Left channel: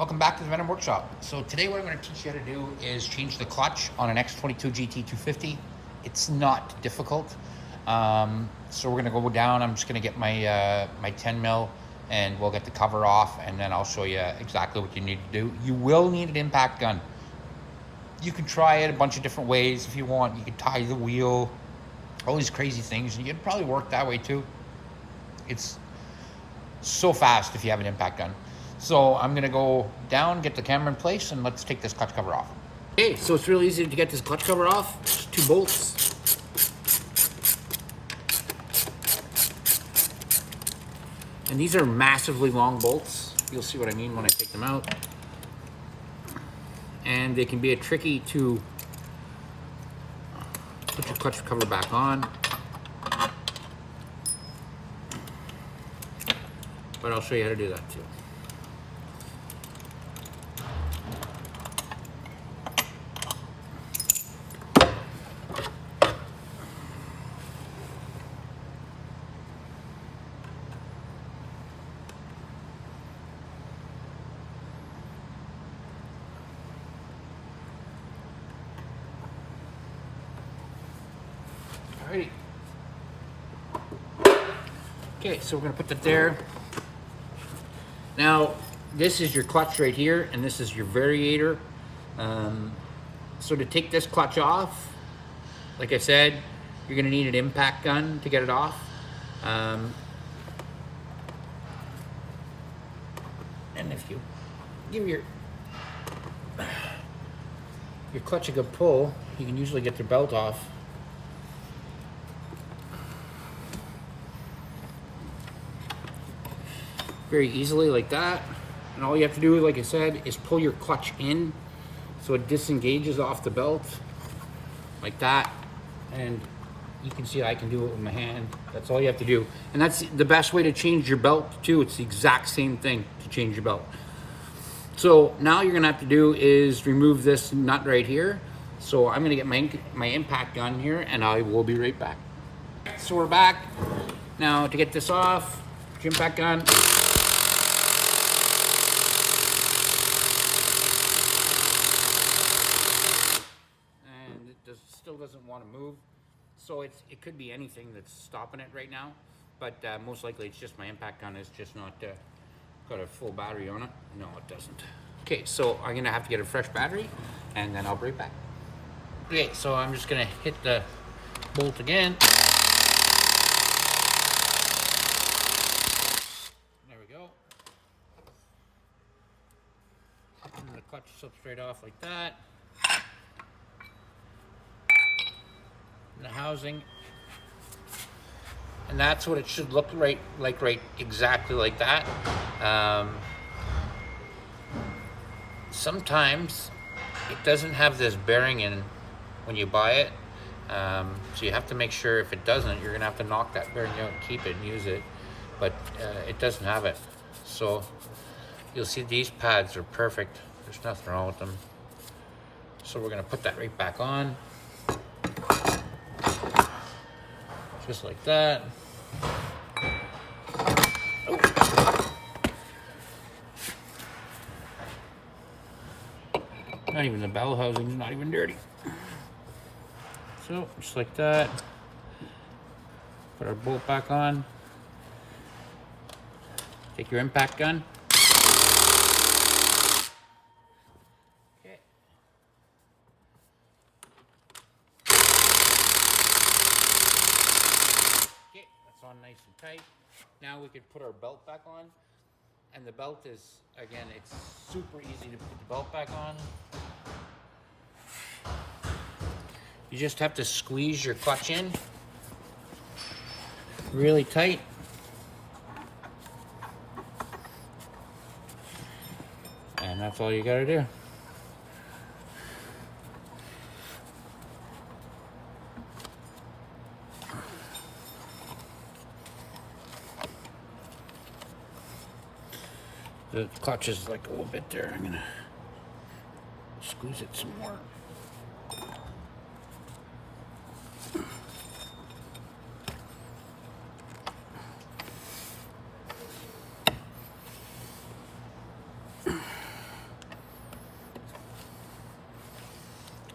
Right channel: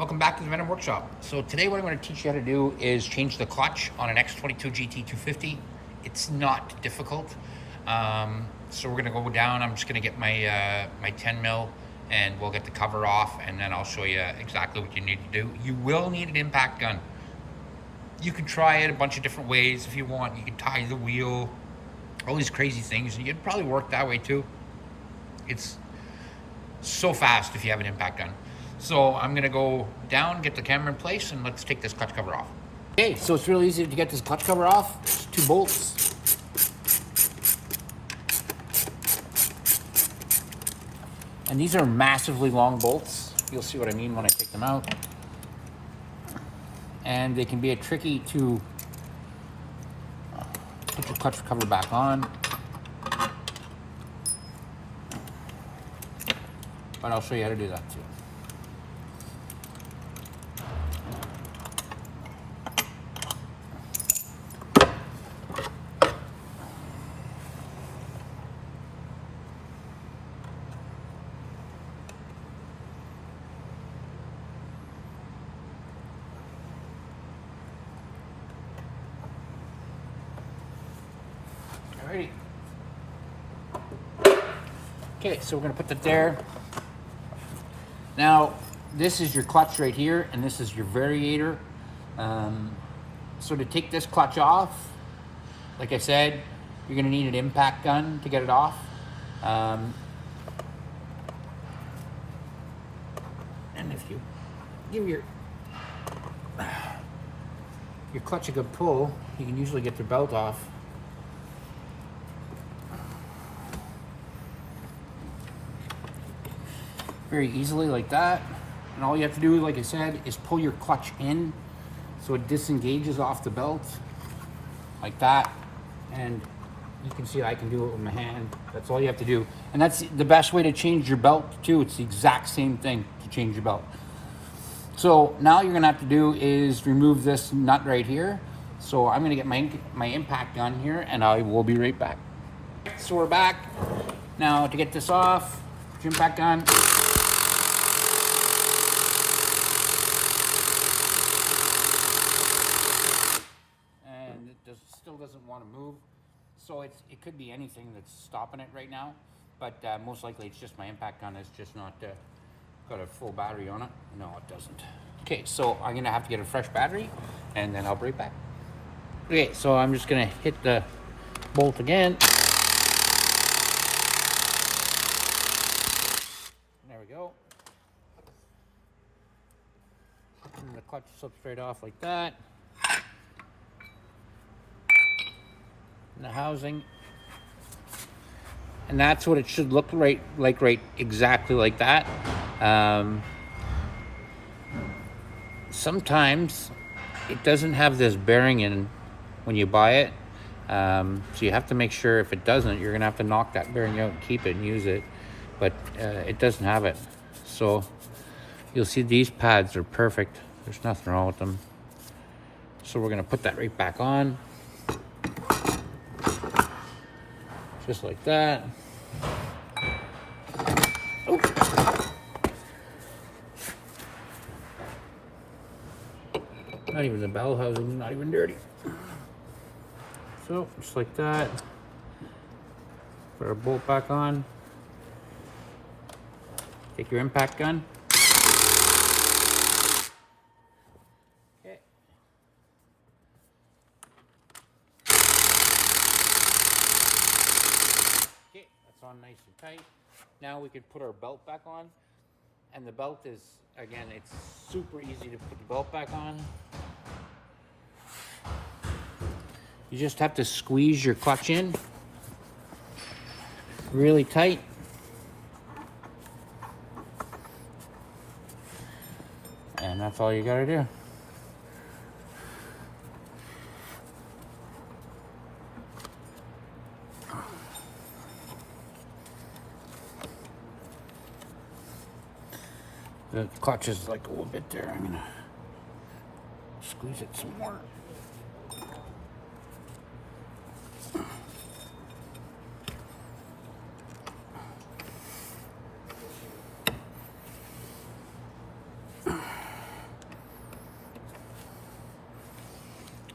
Welcome back to the Venom Workshop. So today what I'm going to teach you how to do is change the clutch on an X22GT 250. It's not difficult. So we're going to go down. I'm just going to get my my 10 mil and we'll get the cover off, and then I'll show you exactly what you need to do. You will need an impact gun. You can try it a bunch of different ways if you want. You can tie the wheel, all these crazy things. You can probably work that way too. It's so fast if you have an impact gun. So I'm gonna go down, get the camera in place, and let's take this clutch cover off. Okay, so it's really easy to get this clutch cover off. There's 2 bolts. And these are massively long bolts. You'll see what I mean when I take them out. And they can be a tricky to put the clutch cover back on. But I'll show you how to do that too. Alrighty. Okay, so we're gonna put that there. Now, this is your clutch right here, and this is your variator. So to take this clutch off, like I said, you're gonna need an impact gun to get it off. And if you give your clutch a good pull, you can usually get the belt off. Very easily like that. And all you have to do, like I said, is pull your clutch in so it disengages off the belt like that. And you can see I can do it with my hand. That's all you have to do. And that's the best way to change your belt too. It's the exact same thing to change your belt. So now you're gonna have to do is remove this nut right here. So I'm gonna get my impact gun here, and I will be right back. So we're back. Now to get this off, your impact gun. Still doesn't want to move, so it could be anything that's stopping it right now, but most likely it's just my impact gun is just not got a full battery on it. No, it doesn't. Okay, so I'm gonna have to get a fresh battery, and then I'll be right back. Okay, so I'm just gonna hit the bolt again. There we go. And the clutch slips straight off like that. The housing, and that's what it should look right exactly like that. Sometimes it doesn't have this bearing in when you buy it, so you have to make sure. If it doesn't, you're gonna have to knock that bearing out and keep it and use it, but it doesn't have it. So you'll see these pads are perfect. There's nothing wrong with them. So we're gonna put that right back on. Just like that. Oh. Not even the bell housing, not even dirty. So, just like that. Put our bolt back on. Take your impact gun. On nice and tight. Now we could put our belt back on, and the belt is, again, it's super easy to put the belt back on. You just have to squeeze your clutch in really tight. And that's all you gotta do. The clutch is like a little bit there. I'm gonna squeeze it some more.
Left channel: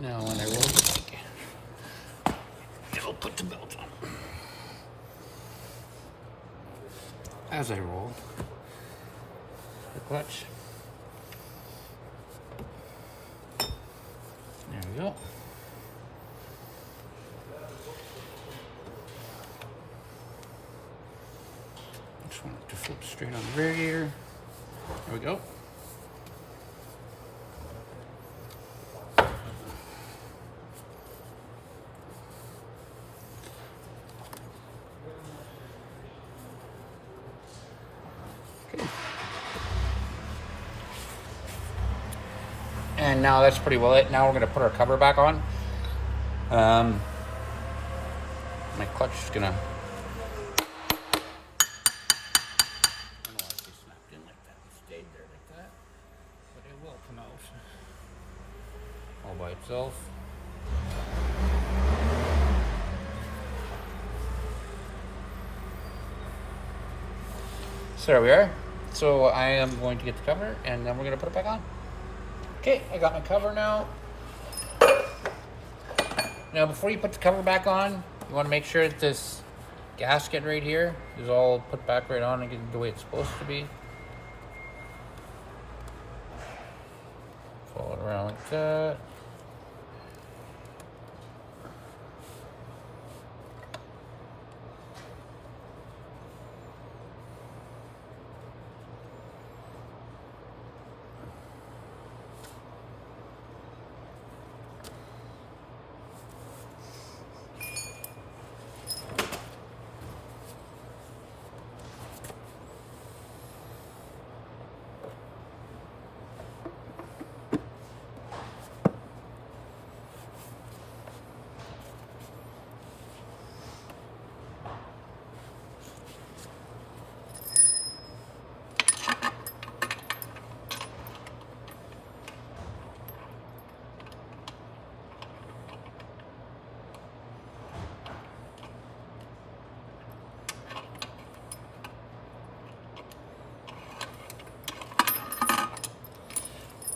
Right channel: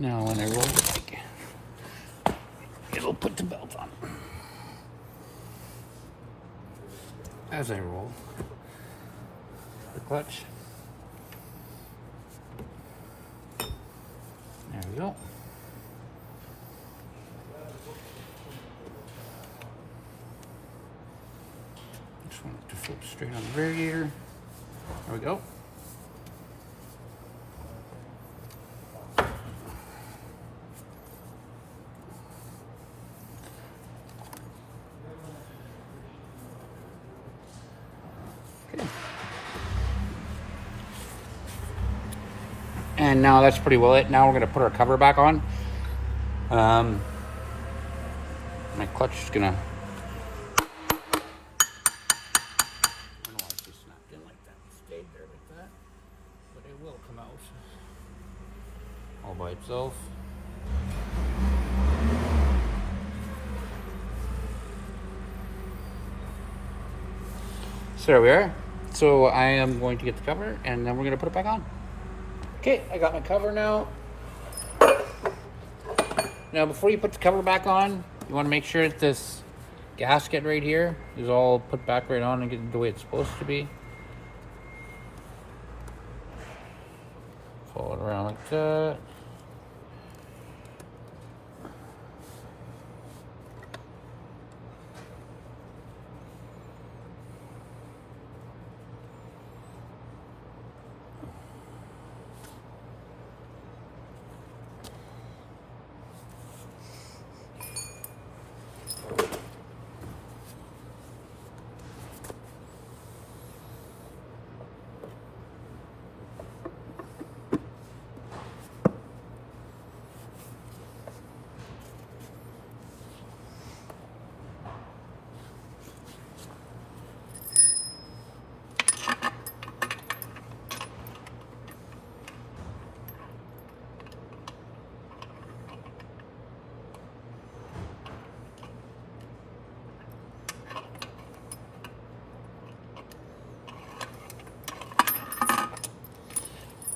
Now when I roll it again, it'll put the belt on. As I roll the clutch. There we go. Just want it to flip straight on the radiator. There we go. And now that's pretty well it. Now we're going to put our cover back on. And the clutch is going to... I don't want it to be snapped in like that. It stayed there like that. But it will come out all by itself. So there we are. So I am going to get the cover and then we're going to put it back on. Okay, I got my cover now. Now before you put the cover back on, you want to make sure that this gasket right here is all put back right on and get the way it's supposed to be. Fold it around like that.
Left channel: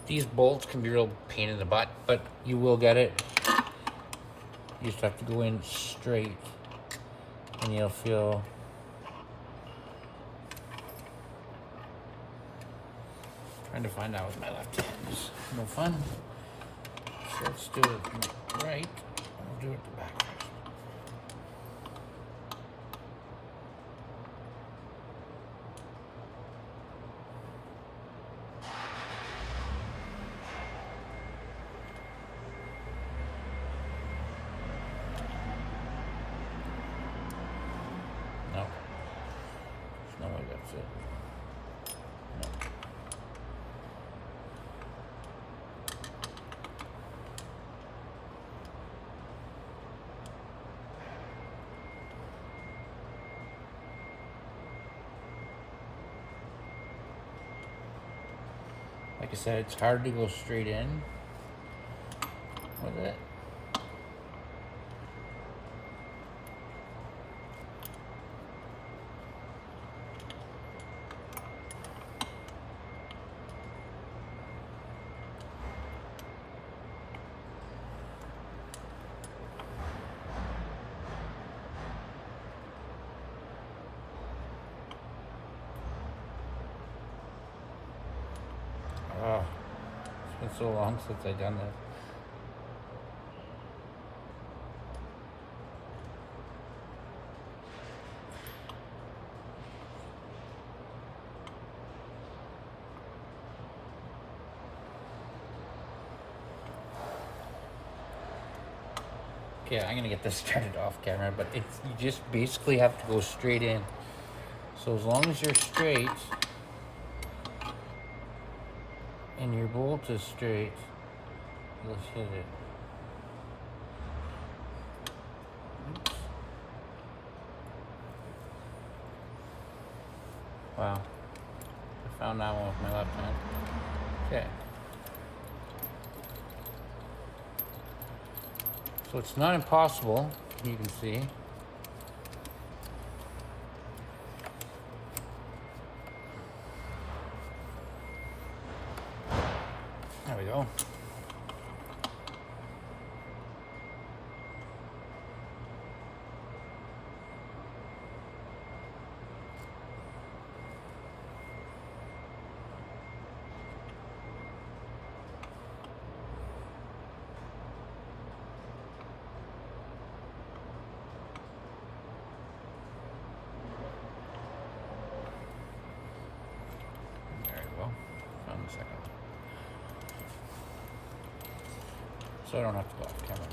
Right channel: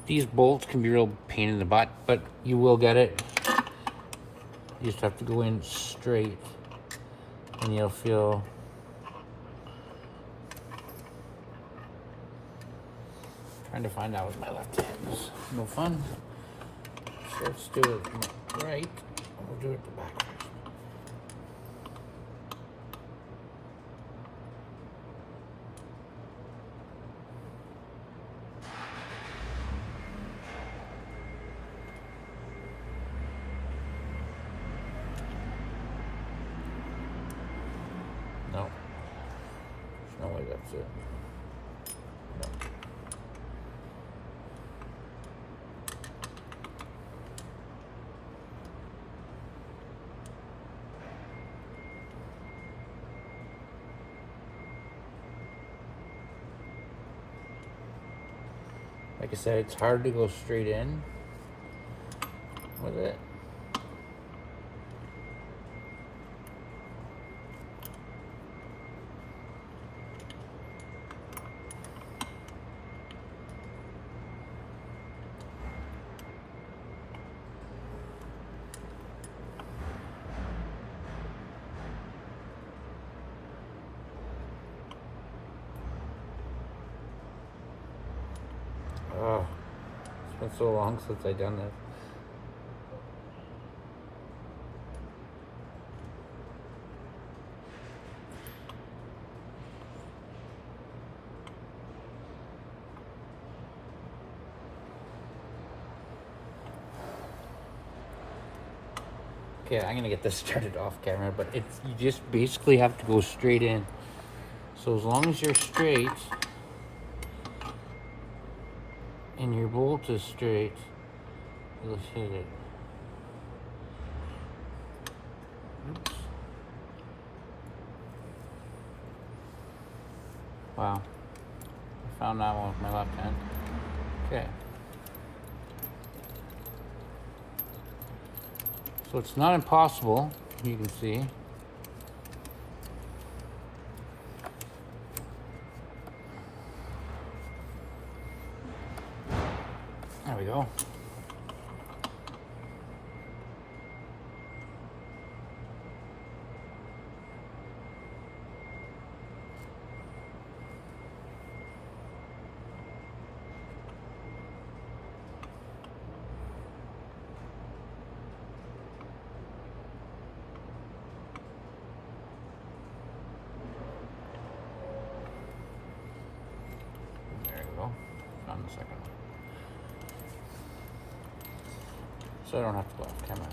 These bolts can be a real pain in the butt, but you will get it. You just have to go in straight and you'll feel trying to find out with my left hand is no fun. So let's do it right. I'll do it the back. No. No way, that's it. No. Like I said, it's hard to go straight in with it. Oh, it's been so long since I've done this. Okay, I'm gonna get this started off camera, but you just basically have to go straight in. So as long as you're straight and your bolt is straight, you'll hit it. Oops. Wow, I found that one with my left hand. Okay. So it's not impossible, you can see. There we go. so I don't have to go off camera.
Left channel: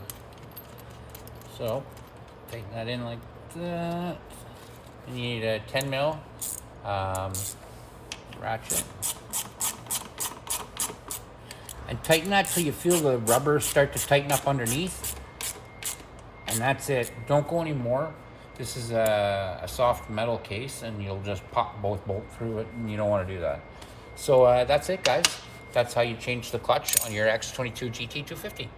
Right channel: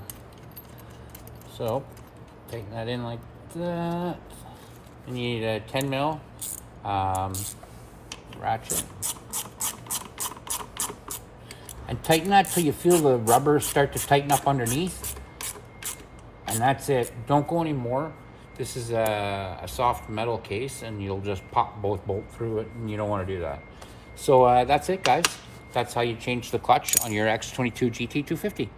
So tighten that in like that. You need a 10 mil ratchet. And tighten that till you feel the rubber start to tighten up underneath. And that's it. Don't go any more. This is a soft metal case and you'll just pop both bolts through it, and you don't want to do that. So that's it, guys. That's how you change the clutch on your X22 GT 250.